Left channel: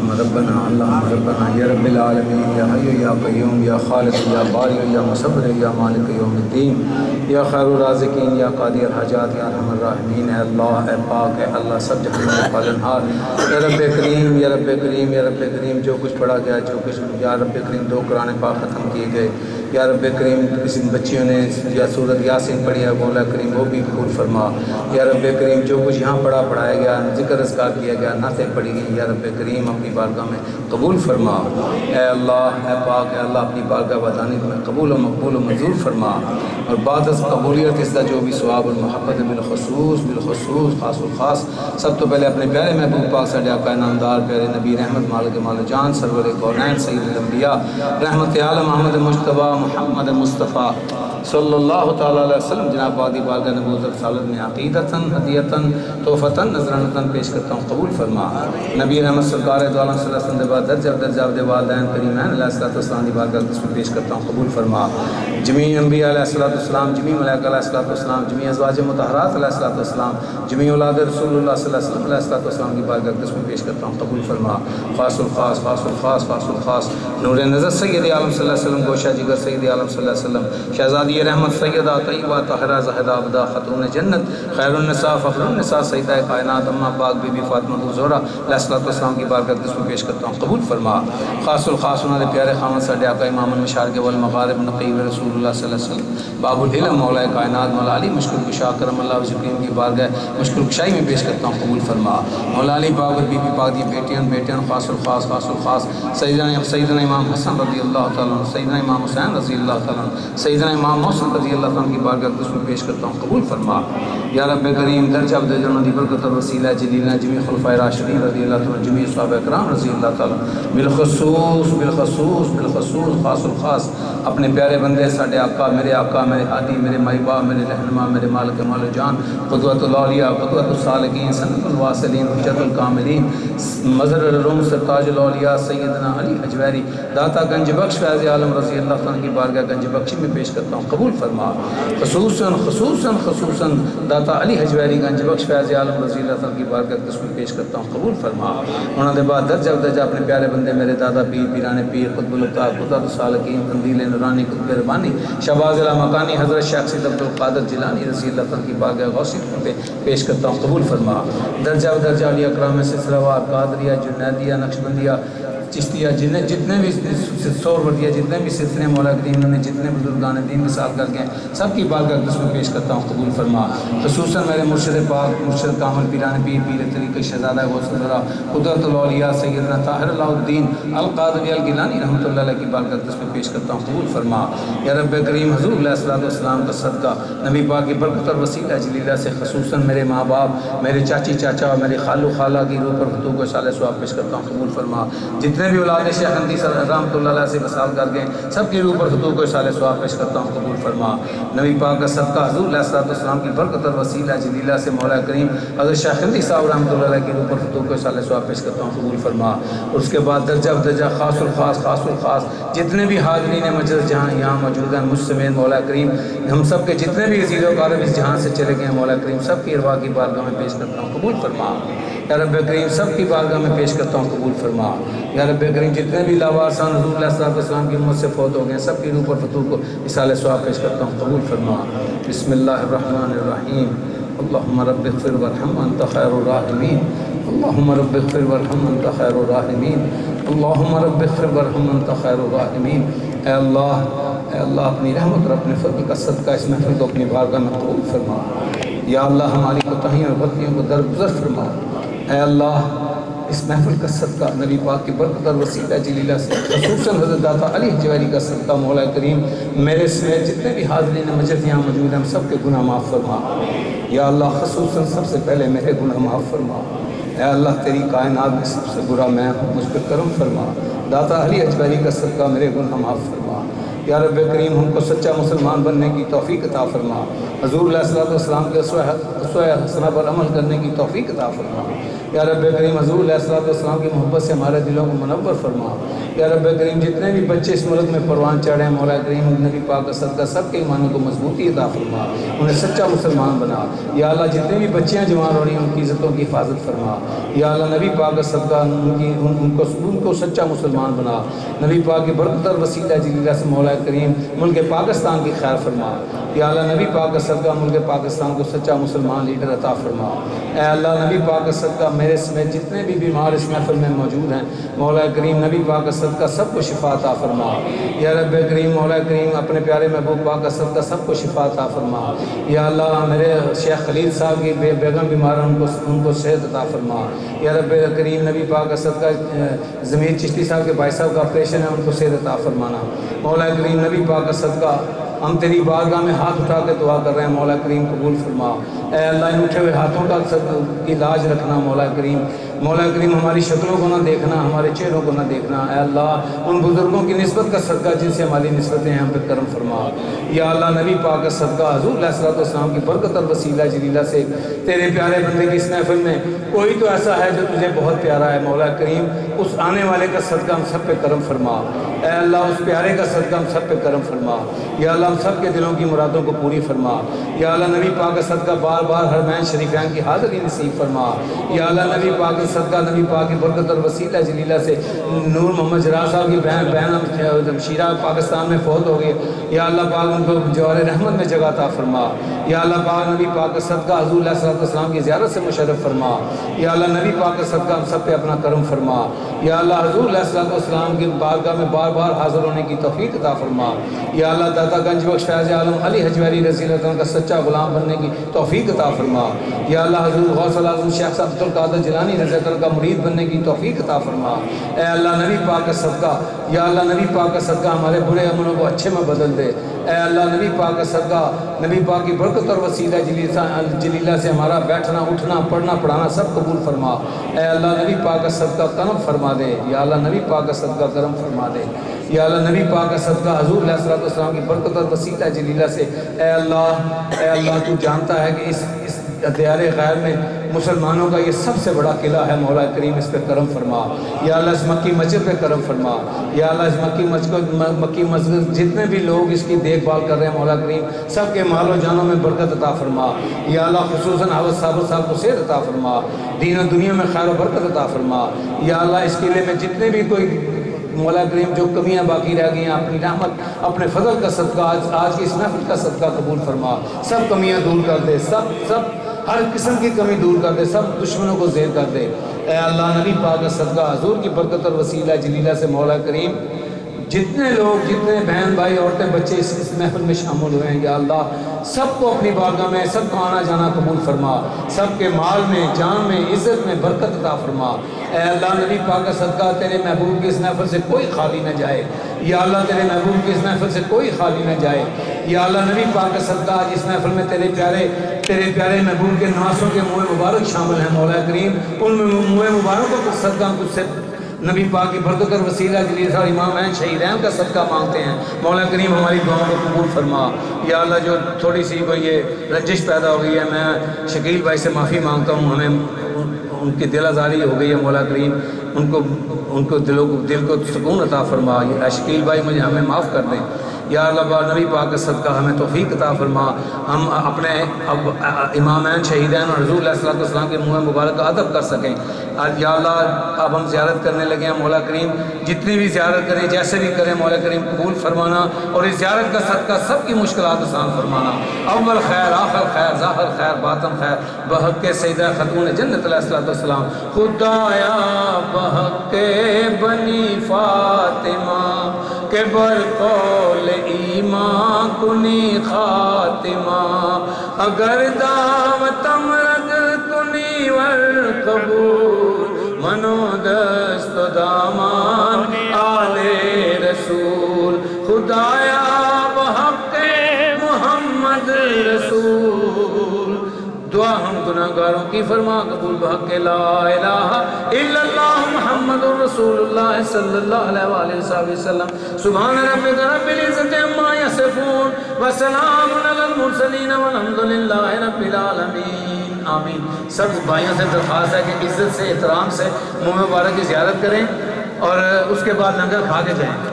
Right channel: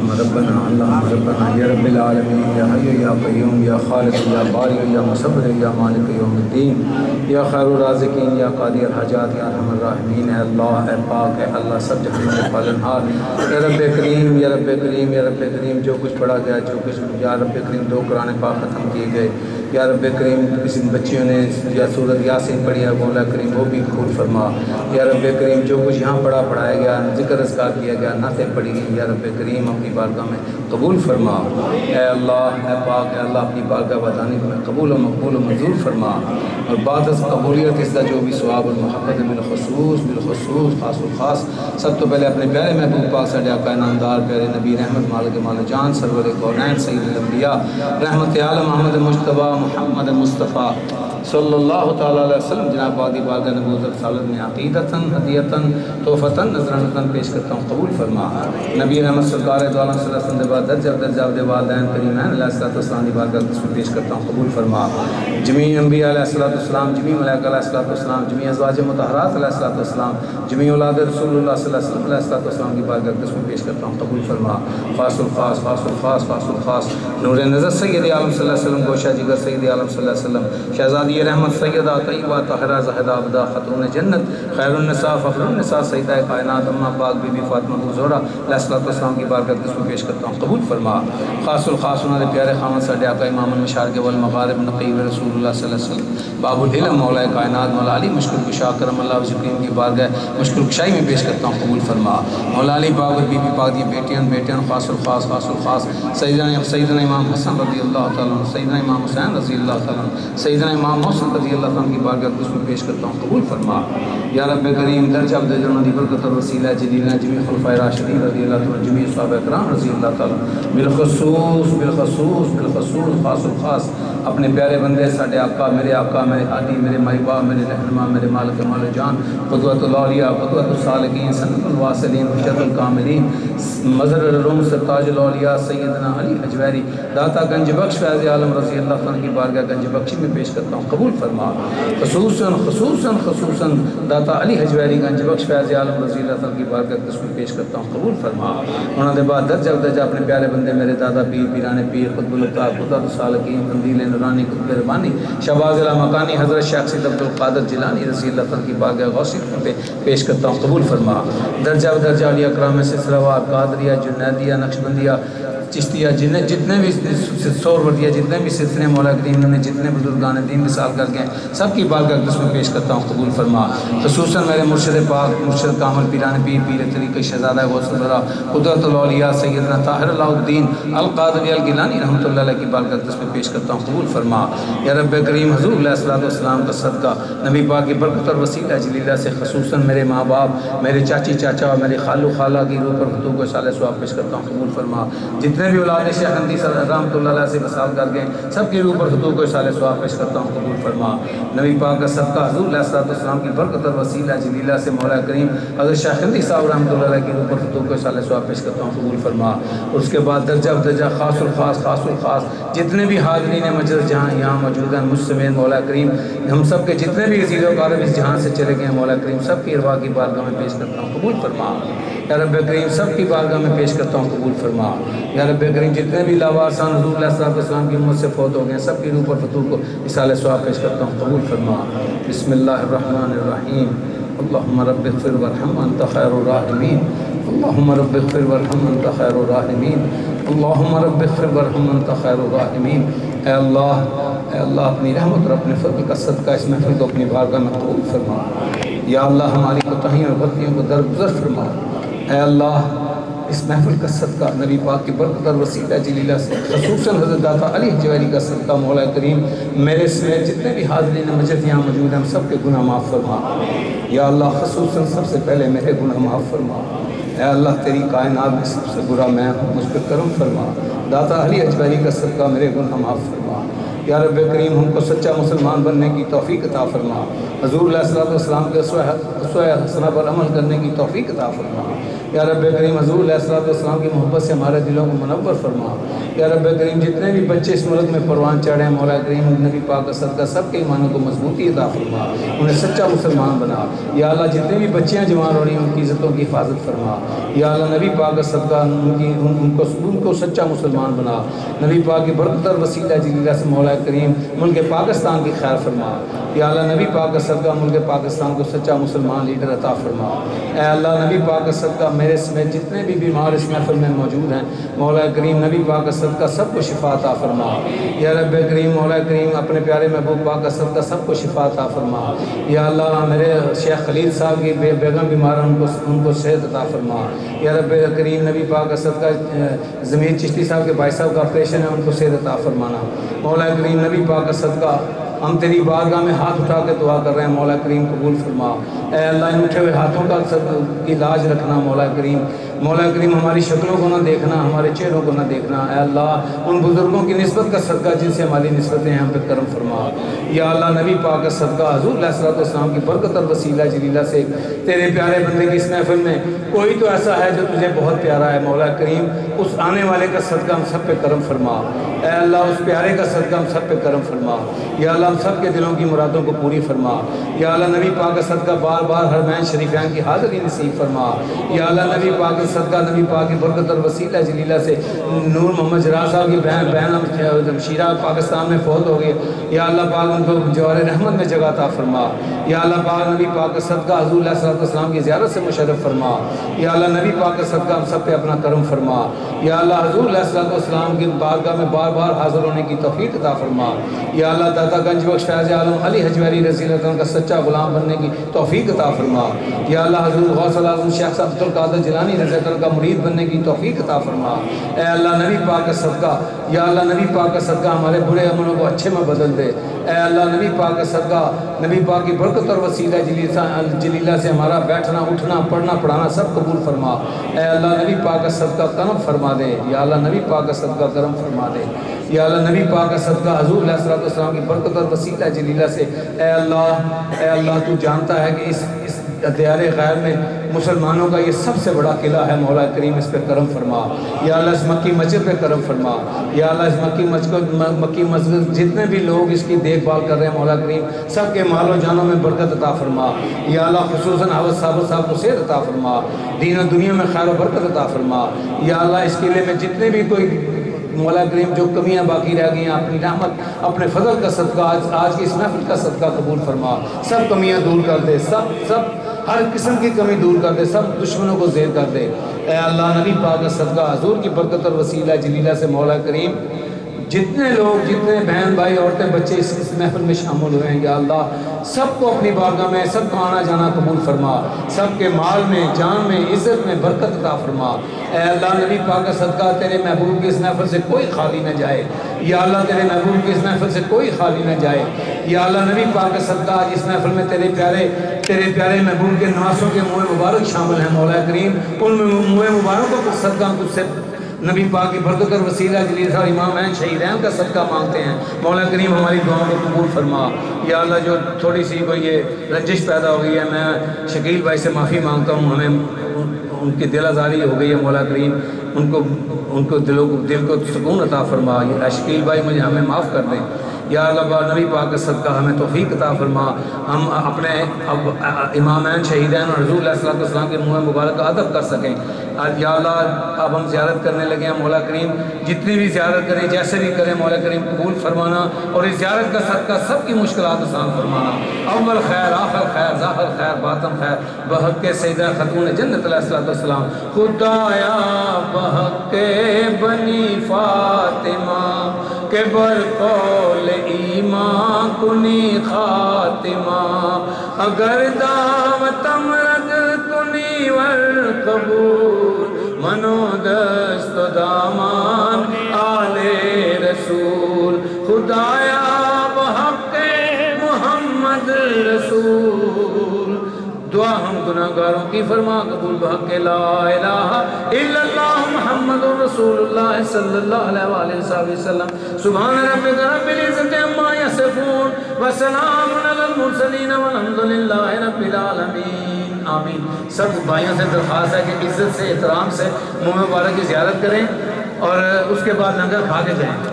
اللہم ربنا یا رب العالمین یا حی یا قیوم یا خالق یا باری یا مصور یا مالک یوم الدین یا خیر الرازقین یا قاضی الحاجات یا ارحم الراحمین، اے اللہ، اے پاک، اے اللہ سب جہانوں کے پالنہار، یا رب کریم یا رب کریم یا رب کریم، جو کچھ پڑھا گیا، جو کچھ یا رب کریم 2 قرآن پاک ختم کیے گئے، یا رب کریم کسی بچیوں نے یا سورۃ یاسین پڑھی ہے، مولا کریم وہ بھی قبول فرما، یا رب کریم جو کچھ یہاں پڑھایا گیا، ذکر اذکار کیا گیا، نعتیں پڑھی گئی، یا رب کریم اپنی بارگاہ میں قبول فرما، اے اللہ، اے پاک، اے اللہ اپنی بارگاہ ودانی میں قبول و مقبول و منظور فرما، اور بعد از قبولیت اس کا جو بھی ثواب اور محبت بالخصوص خاص و خاص سب تو پہلے اپنے پیارے محبوب پاک ساڈے آقا نامدار پیارے نبی رحمت مالک مال جان سرور کونین سید الانبیاء رحمت عالم احمد مجتبی محمد مصطفیٰ صلی اللہ تعالیٰ علیہ وسلم جناب وادی بارگاہ نبوت رسالت میں عقیدتاً ہدیتاً توفتاً نذرانتاً پیش کرتا ہوں، قبول فرما۔ نبی رحمت سرکار دو عالم صلی اللہ علیہ وسلم بعد درجہ عبد والدین کریمین علیہ السلام دی بارگاہ میں پیش کرتا ہوں، قبول فرما۔ جمیع انبیاء علیہ السلام، جمیع ملائکہ علیہ السلام، جمیع ازواج مطہرات علیہ السلام، جمیع اولاد رسول اللہ صلی اللہ علیہ السلام کی بارگاہ میں پیش کرتا ہوں، قبول فرما۔ خاص الخاص نور نظر سید عالم صلی اللہ علیہ وسلم، گوشہ جگر سید عالم صلی اللہ علیہ وسلم، شہزادی رحمت سیدہ طیبہ طاہرہ زاہدہ عبدہ خاتون جنت، خیر النساء فخر النساء، سیدہ کائنات اماں پاک بی بی فاطمہ الزہرا علیہ السلام کی بارگاہ میں پیش کرتا ہوں، قبول فرما۔ خاص الخاص انہوں نے پیارے خامن ساڈے آقا امام المشارق والمغارب نقیب رسول اللہ صلی اللہ علیہ وسلم، باب العلم مولا کائنات مولا علی مشکل کشا کرم اللہ وجہ کریم کی بارگاہ مشکل کشائی میں پیش کرتا ہوں، قبول فرما۔ مولا علی پاک اور بی بی پاک دی بیٹیاں خاص الخاص سیدنا امام حسن رضی اللہ تعالیٰ عنہ، سیدنا امام حسین رضی اللہ تعالیٰ عنہ، سیدنا امام محسن رضی اللہ تعالیٰ عنہ کی بارگاہ میں پیش کرتا ہوں، قبول فرما۔ یا رب کریم درجہ عبد جنوں دی برکت اور وسیلہ جلیلہ جمیع خلفائے راشدین رضی اللہ تعالیٰ عنہ، جمیع صحابہ کرام رضی اللہ تعالیٰ عنہ، بالخصوص خاص الخاص اپنے پیارے بندے ساڈے آقا میرے ہادی میرے مائی باپ میرے رہنما میرے مالک مال جان قدوۃ الاولیاء قدوۃ الصالحین سند الواصلین حجت الکاملین مظہر العلوم سرتاج الاولیاء سیدنا علی حجویری داتا گنج بخش فیض عالم رضی اللہ عنہ کی بارگاہ گنج بخشی میں پیش کرتا ہوں، قبول فرما۔ خصوصاً داتا علی حجویری گنج بخش فیض عالم رضی اللہ عنہ کی بارگاہ میں پیش کرتا ہوں، قبول فرما۔ انہوں نے بعد درجہ اپنے پیارے بندے میرے دادا پیر پیران پیر قطب الطاق قدرت الصالحین قندیل نورانی قطب ربانی شہباز مکانی حضرت شیخ سید عبد القادر جیلانی رضی اللہ عنہ کی بارگاہ غوثی میں پیش کرتا ہوں، قبول فرما۔ درجہ علی اکرام سلسلہ وار قادریہ جنیدیہ نقشبندیہ چشتیہ جتنے بھی سوروردیہ جتنے بھی سلسلے مولا کریم نے جتنے بزرگان دین مثال کر کے سب کی بارگاہ میں پیش کرتا ہوں، قبول فرما۔ خصوصاً میرے مرشد پاک مرشد کامل پیران پیر پیر طریقہ شہزادہ غوث الورا قدرت الاولیاء سیدنا طاہر اللہ الدین القادری الگیلانی رحمۃ اللہ علیہ کی بارگاہ میں پیش کرتا ہوں، قبول فرما۔ یا رب کریم حضور علیہ السلام کا صدقہ نبی پاک کی برکت اور وسیلہ جلیلہ سے خصوصاً میرے ماں باپ میرے چاچی چاچا اور میرے خالو خالہ کی روح پر خطوب کو صالح ثواب پیش کرتا ہوں، قبول فرما۔ جتنے بھی اولاد شیخ اندی رحمۃ اللہ علیہ سے مثال کر گئے سب کے روح پر خطوب کو صالح ثواب پیش کرتا ہوں، قبول فرما۔ نبی پاک کا صدقہ حضور علیہ السلام کی برکت اور وسیلہ جلیلہ سے مولا کریم حضرت شیخ اندی صاحب رحمۃ اللہ علیہ کی روح پر خطوب کو صالح ثواب پیش کرتا ہوں، قبول فرما۔ اس کے بعد درجہ خاص الخاص جتنے بھی حاضرین مجلس جہاں یہاں موجود ہیں مجھ سمیت مولا کریم ہم سب کے جتنے بھی عزیز و اقارب اس جہاں سے چلے گئے ہیں مولا کریم سب کی ارواح کی بارگاہ میں پیش کرتا ہوں، قبول فرما۔ یا رب کریم سب کی بارگاہ میں پیش کرتا ہوں، قبول فرما۔ یا رب کریم جتنے بھی لاوارثان حضور علیہ السلام کی امت سے فوت ہو گئے سب کی روح پر فتوح کو اصالہ ثواب پیش کرتا ہوں، قبول فرما۔ بسم اللہ الرحمن الرحیم۔ اللہم رب اغفر وارحم انت خیر الراحمین۔ اللہم رب اغفر وارحم انت خیر الراحمین۔ اللہم رب اغفر وارحم انت خیر الراحمین۔ اے اللہ اپنی رحمت اور اپنے فضل کا صدقہ اس محفل کو اپنی بارگاہ میں قبول فرما۔ یا اللہ ہماری کوتاہیوں اور غلطیوں کو درگزر فرما۔ اے اللہ اس محفل کا صدقہ نبی پاک کی برکت اور وسیلہ جلیلہ سے خصوصاً حضرت داتا علی حجویری کا صدقہ مولا کریم میرے سمیت جتنے بھی حاضرین مجلس یہاں موجود ہیں ہم سب کے گناہ معاف فرما۔ یا اللہ خصوصاً سب سے پہلے میرے گناہ معاف فرما۔ اے اللہ تیری کائنات میں سب سے برا میں ہوں، مجھ پر کرم فرما۔ داتا علی حجویری کا صدقہ میرے گناہ معاف فرما۔ یا رب کریم ہم کو سچا مسلمان بننے کی توفیق عطا فرما، حضور علیہ الصلوۃ والسلام کے اسوہ حسنہ پر عمل کرنے کی توفیق عطا فرما، یا رب کریم حضور علیہ الصلوۃ والسلام کی محبت سے ہمارے دلوں کو منور فرما، یا رب کریم جتنے بھی بچے اس ملک میں پروان چڑھے ہیں مولا کریم نبی پاک کا صدقہ سب کے ایمانوں کو مضبوطی عطا فرما، انہیں سچا مسلمان بنا، یا اللہ جتنے بھی بچیاں جوان ہو رہی ہیں ان کی عزتوں کی حفاظت فرما، یا اللہ نبی پاک کا صدقہ ان کو سچا مسلمان بنا، نبی پاک کی برکت اور وسیلہ جلیلہ سے مولا کریم ملک پاکستان کی خیر فرما، یا اللہ نبی پاک کا صدقہ ملک پاکستان کو سچا مسلمان لیڈر عطا فرما، اے اللہ نبی پاک کا صدقہ میرے سمیت جتنے بھی بیمار اس محفل میں موجود ہیں مولا کریم نبی پاک کا صدقہ سب کو شفا عطا فرما، یا رب کریم مولا کریم اپنے پیارے محبوب پاک کا صدقہ سب کو شفا عطا فرما، یا اللہ میرے شیخ خلیل صاحب کی بیگم بیمار ہیں ان کو صحت عطا فرما، یا رب کریم نبی پاک کا صدقہ ضمیر چشتی صاحب کے بھائی صاحب کا آپریشن ہے ان کو صحت عطا فرمانا، مولا کریم نبی پاک کا صدقہ ہم تیری بارگاہ میں ہاتھ اٹھا کے دعا کر رہے ہیں مولا کریم قبول فرما، اے اللہ ان اٹھے ہوئے ہاتھوں کی لاج رکھنا مولا کریم ہماری شکلوں کو نہ دیکھنا، ہمارے چہروں کو نہ دیکھنا، اے اللہ ان بزرگوں کی نسبت کا صدقہ جن سے ہماری نسبتیں ہیں ہم پہ کرم فرما، یا اللہ نبی پاک کا صدقہ حضور علیہ الصلوۃ والسلام کی برکت اور وسیلہ جلیلہ سے تیرے پیارے بندے کی اس محفل میں کوئی تو ایسا ہے جو تجھے بہت پیارا ہے مولا کریم اس آنے والے کا صدقہ ہم سب پہ کرم فرما، اے اللہ اس پیارے کا صدقہ ہم سب پہ کرم فرما، یا اللہ ہم سب کے دلوں کی مرادوں کو پوری فرما، یا اللہ نبی پاک کا صدقہ بار بار حرمین شریفین کی حاضری نصیب فرما، یا اللہ نبی پاک کا صدقہ نبی پاک کی برکت اور وسیلہ جلیلہ سے نور محمد جرار صاحب کی بہن شیرہ پاکستان میں فوت ہو گئی، یا اللہ پاک ان کو جوار رحمت میں جگہ عطا فرما، یا اللہ پاک نبی پاک کا صدقہ حضور علیہ السلام کی زیارت سے مشرف فرما، یا اللہ نبی پاک کا صدقہ ہم سب پہ اپنا کرم فرما، یا اللہ حضور علیہ السلام کی بارگاہ میں بار بار حاضر ہونے کی توفیق عطا فرما، یا اللہ داتا گنج بخش فیض عالم علی حجویری رضی اللہ عنہ کا سچا غلام بننے کی توفیق عطا فرما، یا اللہ حضور غوث الاعظم شیخ صاحب عبد القادر جیلانی رضی اللہ عنہ کا مرید بننے کی توفیق عطا فرما، اے اللہ نبی پاک کا صدقہ، یا اللہ نبی پاک کا صدقہ ہمارے برے عملوں کو اچھے میں بدل دے، اے اللہ نبی پاک کا صدقہ نبی پاک کی برکت اور وسیلہ جلیلہ سے ہمارا بیٹھنا اٹھنا پڑھنا پڑھانا سب قبول فرما، اے اللہ نبی پاک کا صدقہ کرم فرما دے، یا اللہ نبی پاک کا صدقہ کرم فرما دے، یا اللہ نبی پاک کا صدقہ حضور علیہ السلام کی برکت اور وسیلہ جلیلہ سے اے اللہ تو جانتا ہے کہ اس دیار غیر میں مسلمانوں کا یہ سب سے بڑا قلعہ ہے مولا کریم اس پہ کرم فرما، یا اللہ اس مکی مسجد پہ کرم فرما، یا اللہ اس مکی مسجد جتنے بھی لوگ اس کی دیکھ بھال کر رہے ہیں مولا کریم سب کے مال و جانوں میں برکت عطا فرما، یا اللہ خصوصاً حافظ صاحب کو صحت عطا فرما، دین و دنیا میں خیر و برکت عطا فرما، یا اللہ اس قلعے میں جتنے بھی کوئی مولا کریم جو کمیاں باقی رہ گئی ہیں اپنی رحمت اپنے فضل کا صدقہ آج کی اس محفل کا صدقہ قبول فرما، سب کمیاں دور کر دے، سب ہر قسم کی کمی دور کر دے، سب دشمنوں کو زیر کر دے، اے اللہ نبی پاک کا صدقہ حضور کی برکت اور وسیلہ جلیلہ سے مولا کریم جتنے لوگ جتنے بہن بھائی عورتیں بچے اس محفل میں شامل ہوئے ہیں یا اللہ سب کو اپنی بارگاہ میں سب کو آنا جانا قبول فرما، سب کے مال میں جان میں عزت میں برکت عطا فرما، اے اللہ نبی پاک کا صدقہ تیرے محبوب کی اس محفل سے کوئی خالی نہ جائے، یا اللہ تیرے محبوب کی اس محفل سے کوئی خالی نہ جائے، یا اللہ نبی پاک کا صدقہ آج اس محفل میں تیرے پیارے محبوب کے نواسوں کے منہ مبارک شامل ہیں مولا کریم، ان منہ مبارکوں کا صدقہ ہم تجھ سے نبی پاک کی برکت اور وسیلہ جلیل اور امام ہیں شہیدین کا صدقہ مانگتے ہیں، مولا کریم ہماری دعاؤں کو قبول فرما، یا اللہ جو تھوڑی سی کوئی یہ رنجش پیدا ہو گئی ہے میں شکیل بھائی سے معافی مانگتا ہوں، ہمیں ان کی دل آزاری ہو گئی ہے مولا کریم، ان کو دل کو سکون عطا فرما، شکیل بھائی مجھے ہمیں معاف کر دیں، یا اللہ نبی پاک کا صدقہ ہمیں توفیق عطا فرما، ہم اپنے امامین شہیدین اور حضور علیہ السلام کے منہ مبارک کا ادب کر سکیں، یا اللہ اب ہم زیارت کرنے لگے ہیں مولا کریم، جتنی بھی زیارت کریں جیسے بھی کریں مولا کریم قبول فرمانا، اور اس زیارت کا صدقہ سب کی مشکلات آسان فرمانا، اول خیر آخر خیر ظاہر خیر باطن خیر، بحق سیدہ خاتون جنت علیہ السلام، خدایا بحق بنی فاطمہ کہ برقول ایمان کنی خاتمہ، اگر دعوت امرد کنی والقبول، منو دست و دامان آل رسول، خدایا بحق محمد رسول دعا ہم گناہگاروں کی فرما قبول بحق لا الہ الا اللہ محمد رسول اللہ صلی اللہ علیہ وآلہ وسلم سبحان ربک رب العزت عما یصفون وسلام علی المرسلین والحمد للہ رب العالمین آمین۔ سب بھائیوں سے درخواست ہے کہ عزت سے احترام سے منہ مبارک کی زیارت کریں اور اس کے بعد لنگر کھا کے جائیں۔